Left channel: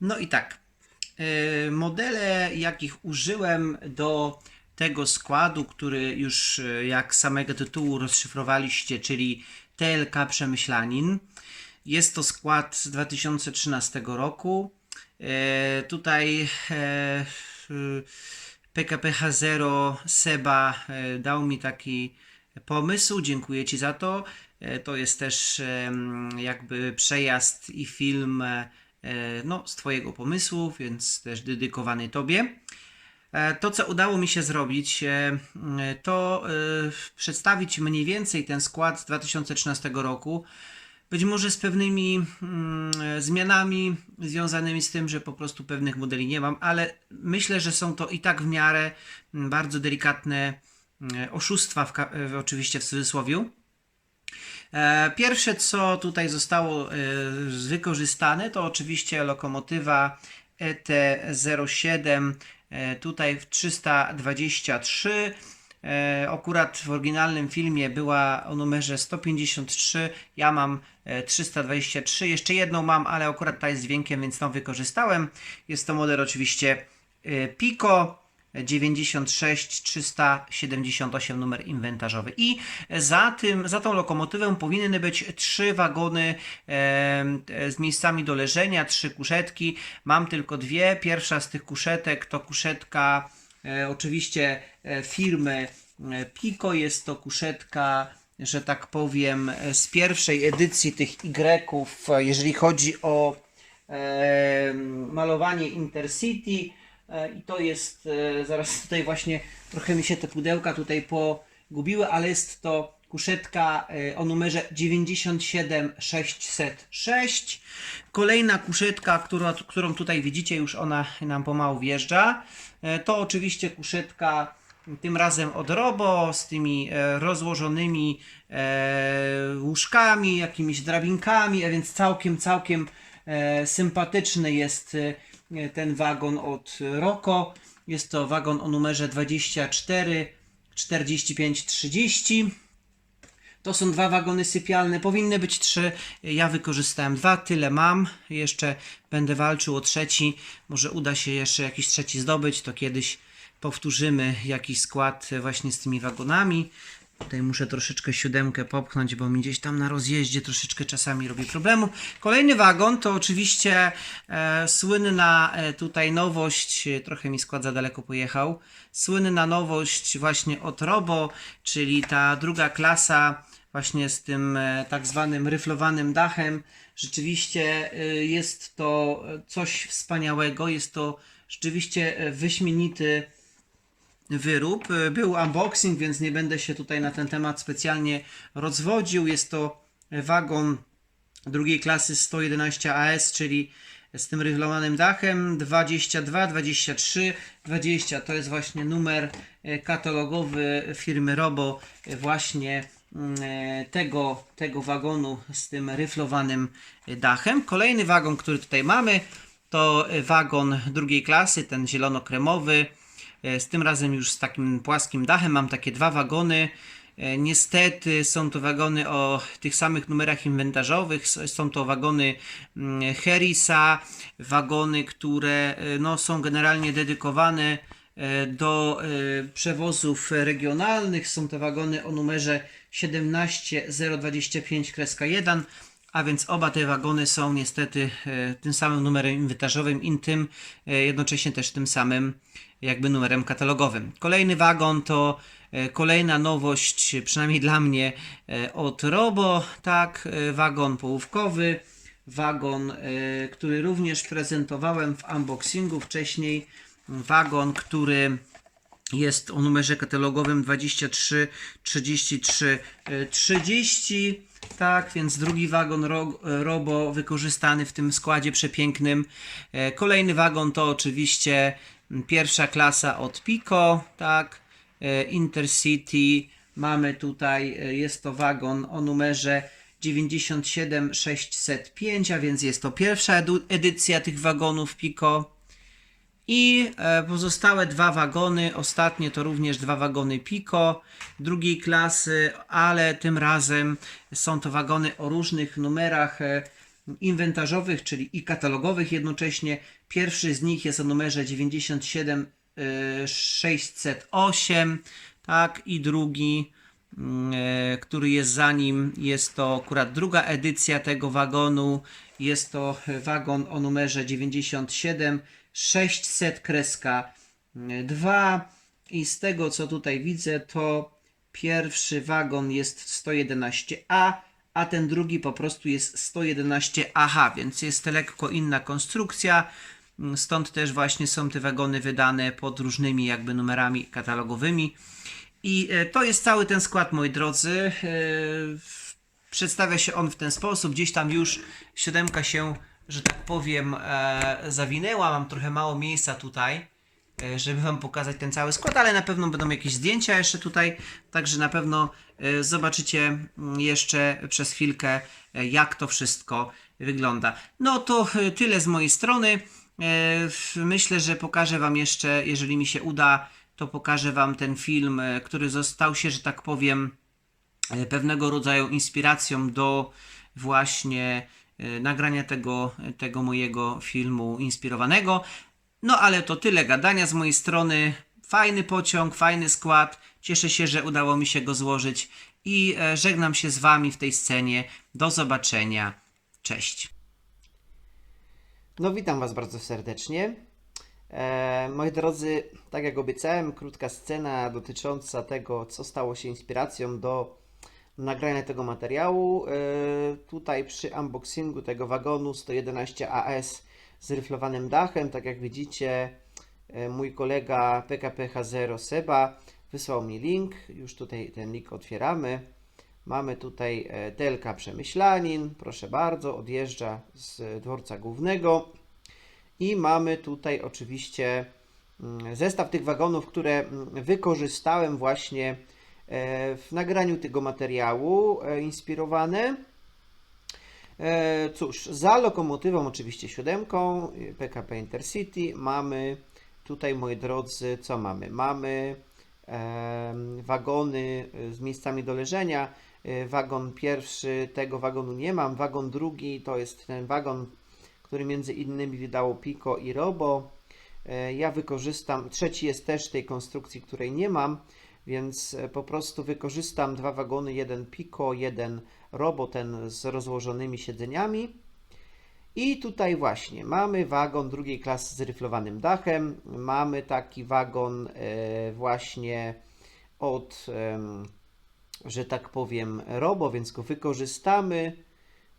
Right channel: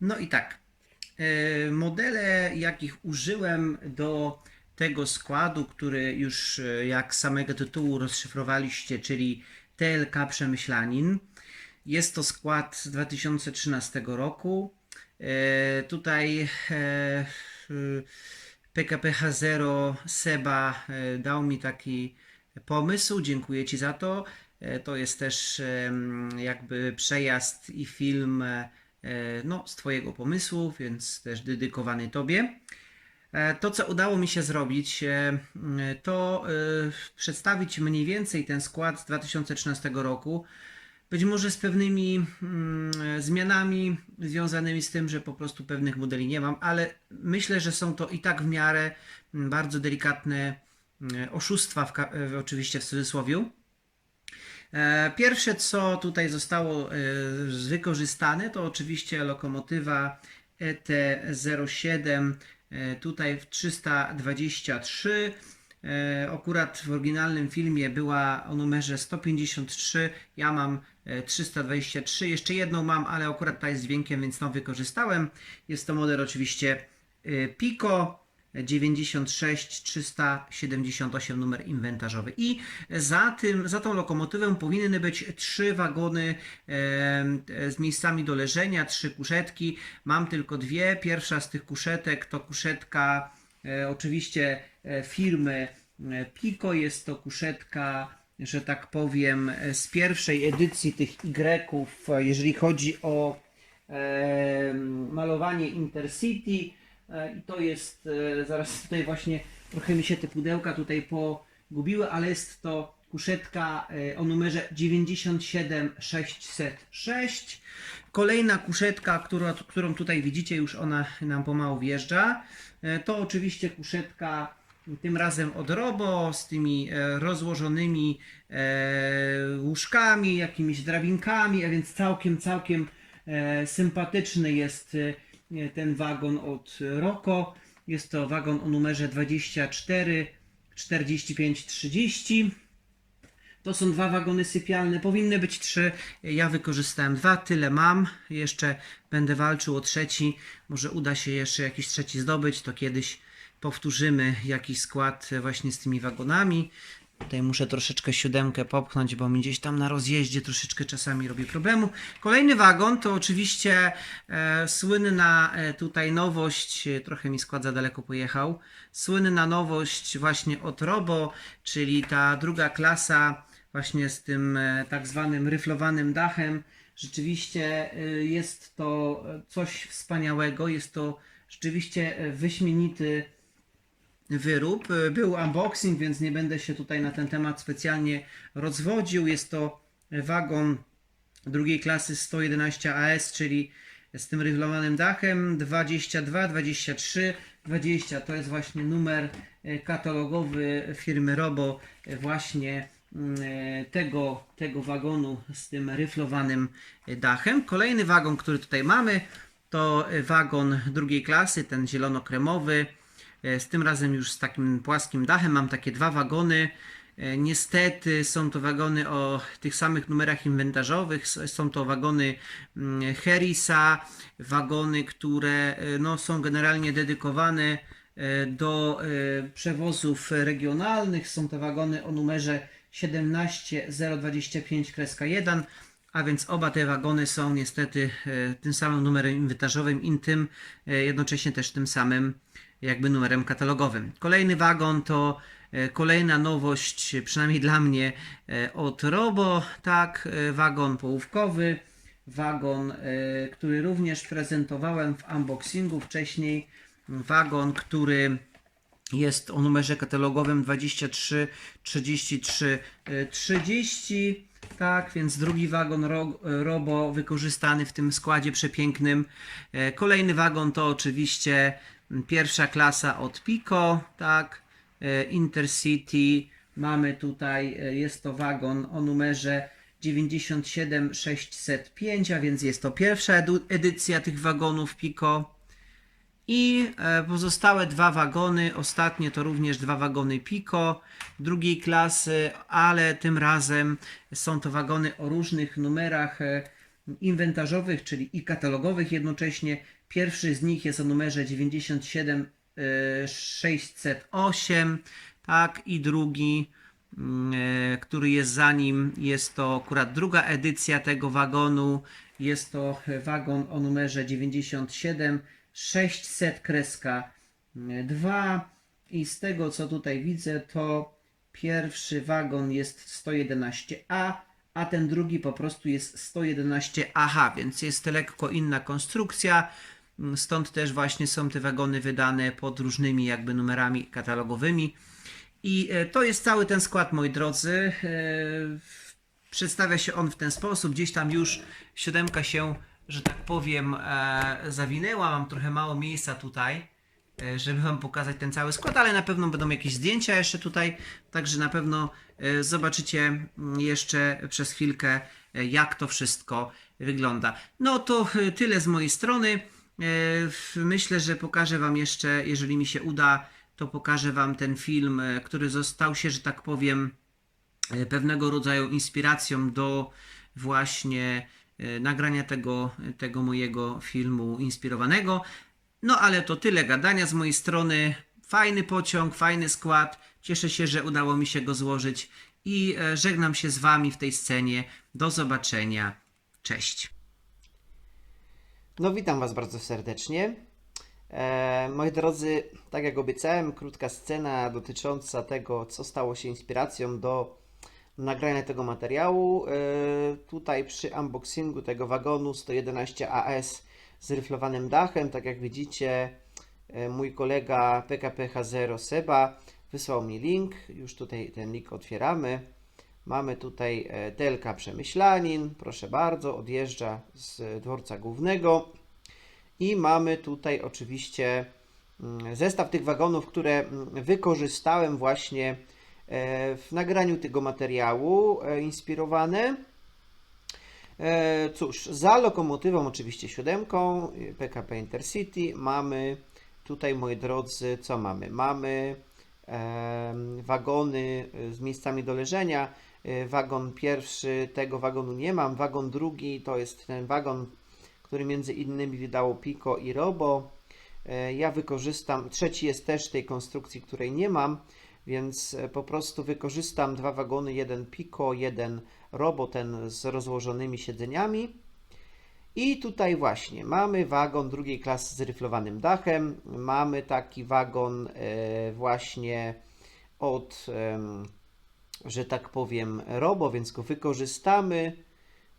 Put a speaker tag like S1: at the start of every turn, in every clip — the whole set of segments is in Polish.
S1: No i tak. e, Modele, jakich użyłem do tego składu, który już e, jak samego tytułu rozszyfrowaliście, czyli TLK Przemyślanin. Jest to skład z 2013 roku. E, Tutaj PKP H0 Seba dał mi taki pomysł. Dziękuję Ci za to. To jest też jakby przejazd i film no, z Twojego pomysłu, więc też dedykowany Tobie. E, To, co udało mi się zrobić, e, m, to e, przedstawić mniej więcej ten skład z 2013 roku. Być może z pewnymi mm, e, zmianami związanymi z tym, że po prostu pewnych modeli nie mam, ale myślę, że są to i tak w miarę mm, bardzo delikatne mm, oszustwa, w, e, oczywiście w cudzysłowie. E, Pierwsze, co tutaj zostało e, wykorzystane, to oczywiście lokomotywa E ET07, e, tutaj w 323. E, Akurat w oryginalnym filmie była o numerze 153, ja mam e, 323. Jeszcze jedną mam, ale akurat ta jest z dźwiękiem, więc tą wykorzystałem. Jest to model oczywiście Pico. 96 378 numer inwentarzowy. I za tym, za tą lokomotywą powinny być trzy wagony e, z miejscami do leżenia, trzy kuszetki. Mam tylko dwie. Pierwsza z tych kuszetek to kuszetka e, oczywiście e, firmy e, Pico. Jest to kuszetka, że tak powiem, z pierwszej edycji tych e, jeżeli chodzi o e, malowanie Intercity. E, I to jest, e, zaraz tutaj właśnie trochę mi się te pudełka tutaj pogubiły, ale jest to kuszetka e, o numerze 97606. Kolejna kuszetka, która, którą tutaj widzicie, już ona nam pomału wjeżdża. To oczywiście kuszetka tym razem od Robo z tymi rozłożonymi łóżkami, jakimiś drabinkami, a więc całkiem, całkiem sympatyczny jest ten wagon od Roko. Jest to wagon o numerze 24 45 30. To są dwa wagony sypialne, powinny być trzy. Ja wykorzystałem dwa, tyle mam. Jeszcze będę walczył o trzeci. Może uda się jeszcze jakiś trzeci zdobyć, to kiedyś powtórzymy jakiś skład e, właśnie z tymi wagonami. Tutaj muszę troszeczkę siódemkę popchnąć, bo mi gdzieś tam na rozjeździe troszeczkę czasami robi problemu. Kolejny wagon to oczywiście e, słynna e, tutaj nowość, e, trochę mi skład za daleko pojechał, słynna nowość właśnie od Robo, czyli ta druga klasa właśnie z tym e, tak zwanym ryflowanym dachem. Rzeczywiście e, jest to e, coś wspaniałego, jest to rzeczywiście e, wyśmienity wyrób. E, Był unboxing, więc nie będę się tutaj na ten temat specjalnie rozwodził. Jest to wagon drugiej klasy 111 AS, czyli z tym ryflowanym dachem 22, 23, 20 to jest właśnie numer e, katalogowy firmy Robo e, właśnie mm, tego, tego wagonu z tym ryflowanym dachem. Kolejny wagon, który tutaj mamy to wagon drugiej klasy, ten zielono-kremowy z tym razem już z takim płaskim dachem. Mam takie dwa wagony. E, Niestety są to wagony o tych samych numerach inwentarzowych. Są to wagony mm, Harrisa, wagony, które e, no, są generalnie dedykowane e, do e, przewozów regionalnych. Są to wagony o numerze 17025-1, a więc oba te wagony są niestety e, tym samym numerem inwentarzowym i tym e, jednocześnie też tym samym jakby numerem katalogowym. Kolejny wagon to e, kolejna nowość, przynajmniej dla mnie, e, od Robo, tak, e, wagon połówkowy, wagon, który również prezentowałem w unboxingu wcześniej, wagon, który jest o numerze katalogowym 23 33 e, 30. Tak, więc drugi wagon ro, Robo wykorzystany w tym składzie przepięknym. Kolejny wagon to oczywiście pierwsza klasa od Pico, tak. E, Intercity. Mamy tutaj, e, jest to wagon o numerze 97605, a więc jest to pierwsza edycja tych wagonów Pico. I e, pozostałe dwa wagony, ostatnie to również dwa wagony Pico drugiej klasy, ale tym razem są to wagony o różnych numerach inwentarzowych, czyli i katalogowych jednocześnie. Pierwszy z nich jest o numerze 97 e, 608, tak, i drugi, mm, e, który jest za nim, jest to akurat druga edycja tego wagonu. Jest to e, wagon o numerze 97 600 kreska 2 i z tego co tutaj widzę to pierwszy wagon jest 111A, a ten drugi po prostu jest 111AH, więc jest lekko inna konstrukcja. Stąd też właśnie są te wagony wydane pod różnymi jakby numerami katalogowymi. I e, to jest cały ten skład, moi drodzy. E, Przedstawia się on w ten sposób. Gdzieś tam już siódemka się, że tak powiem, e, zawinęła. Mam trochę mało miejsca tutaj, żeby Wam pokazać ten cały skład, ale na pewno będą jakieś zdjęcia jeszcze tutaj. Także na pewno e, zobaczycie mm, jeszcze przez chwilkę, e, jak to wszystko wygląda. No to e, tyle z mojej strony. E, Myślę, że pokażę Wam jeszcze, jeżeli mi się uda, to pokażę Wam ten film, e, który został się, że tak powiem, e, pewnego rodzaju inspiracją do właśnie e, nagrania tego, tego mojego filmu inspirowanego. No ale to tyle gadania z mojej strony. Fajny pociąg, fajny skład. Cieszę się, że udało mi się go złożyć i e, żegnam się z Wami w tej scenie. Do zobaczenia. Cześć.
S2: No witam Was bardzo serdecznie. E, moi drodzy, tak jak obiecałem, krótka scena dotycząca tego, co stało się inspiracją do nagrania tego materiału. E, tutaj przy unboxingu tego wagonu 111 AS z ryflowanym dachem, tak jak widzicie, e, mój kolega PKPH0 Seba wysłał mi link. Już tutaj ten link otwieramy. Mamy tutaj e, Telka Przemyślanin, proszę bardzo, odjeżdża z dworca głównego. I mamy tutaj oczywiście mm, zestaw tych wagonów, które mm, wykorzystałem właśnie e, w nagraniu tego materiału, inspirowane. E, Cóż, za lokomotywą oczywiście siódemką PKP Intercity mamy tutaj, moi drodzy, co mamy? Mamy wagony e, z miejscami do leżenia. E, Wagon pierwszy, tego wagonu nie mam. Wagon drugi to jest ten wagon, który między innymi wydało Pico i Robo. E, Ja wykorzystam, trzeci jest też tej konstrukcji, której nie mam, więc e, po prostu wykorzystam dwa wagony, jeden Pico, jeden Robo, ten z rozłożonymi siedzeniami. I tutaj właśnie mamy wagon drugiej klasy z ryflowanym dachem. Mamy taki wagon e, właśnie od, że tak powiem, Robo, więc go wykorzystamy.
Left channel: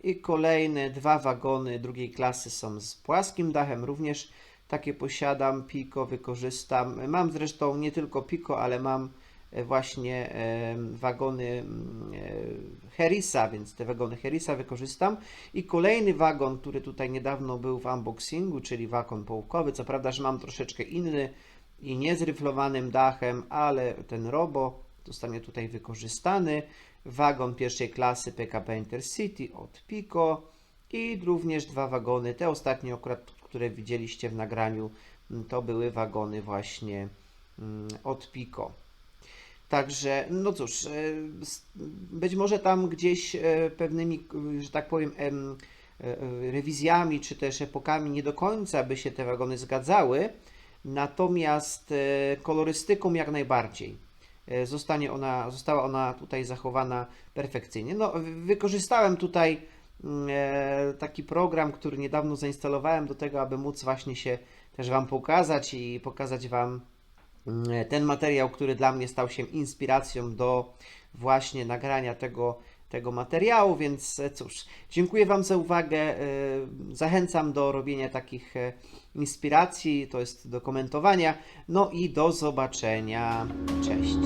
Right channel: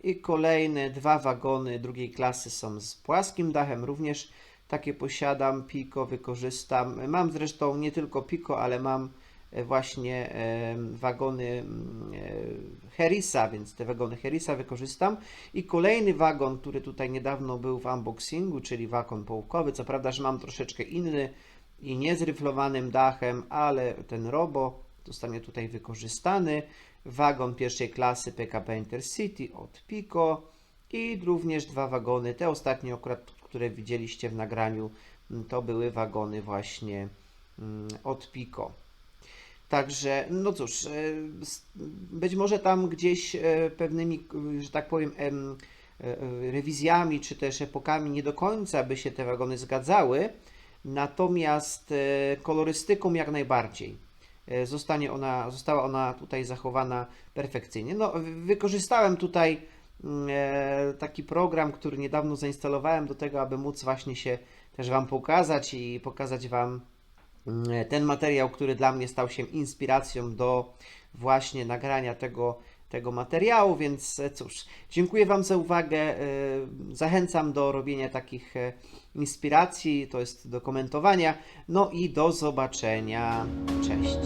S2: I kolejne dwa wagony drugiej klasy są z płaskim dachem, również takie posiadam. Pico wykorzystam. Mam zresztą nie tylko Pico, ale mam właśnie em, wagony mm, e, Harrisa, więc te wagony Harrisa wykorzystam. I kolejny wagon, który tutaj niedawno był w unboxingu, czyli wagon połówkowy. Co prawda, że mam troszeczkę inny i nie z ryflowanym dachem, ale ten Robo zostanie tutaj wykorzystany. Wagon pierwszej klasy PKP Intercity od Pico i również dwa wagony, te ostatnie akurat, które widzieliście w nagraniu, to były wagony właśnie mm, od Pico. Także, no cóż, e, być może tam gdzieś e, pewnymi, że tak powiem, em, e, rewizjami czy też epokami nie do końca by się te wagony zgadzały, natomiast kolorystyką jak najbardziej. Zostanie ona, została ona tutaj zachowana perfekcyjnie. No, wy- wykorzystałem tutaj mm, taki program, który niedawno zainstalowałem do tego, aby móc właśnie się też Wam pokazać i pokazać Wam ten materiał, który dla mnie stał się inspiracją do właśnie nagrania tego, tego materiału, więc e, cóż, dziękuję Wam za uwagę. e, Zachęcam do robienia takich e, inspiracji, to jest do komentowania. No i do zobaczenia. Cześć.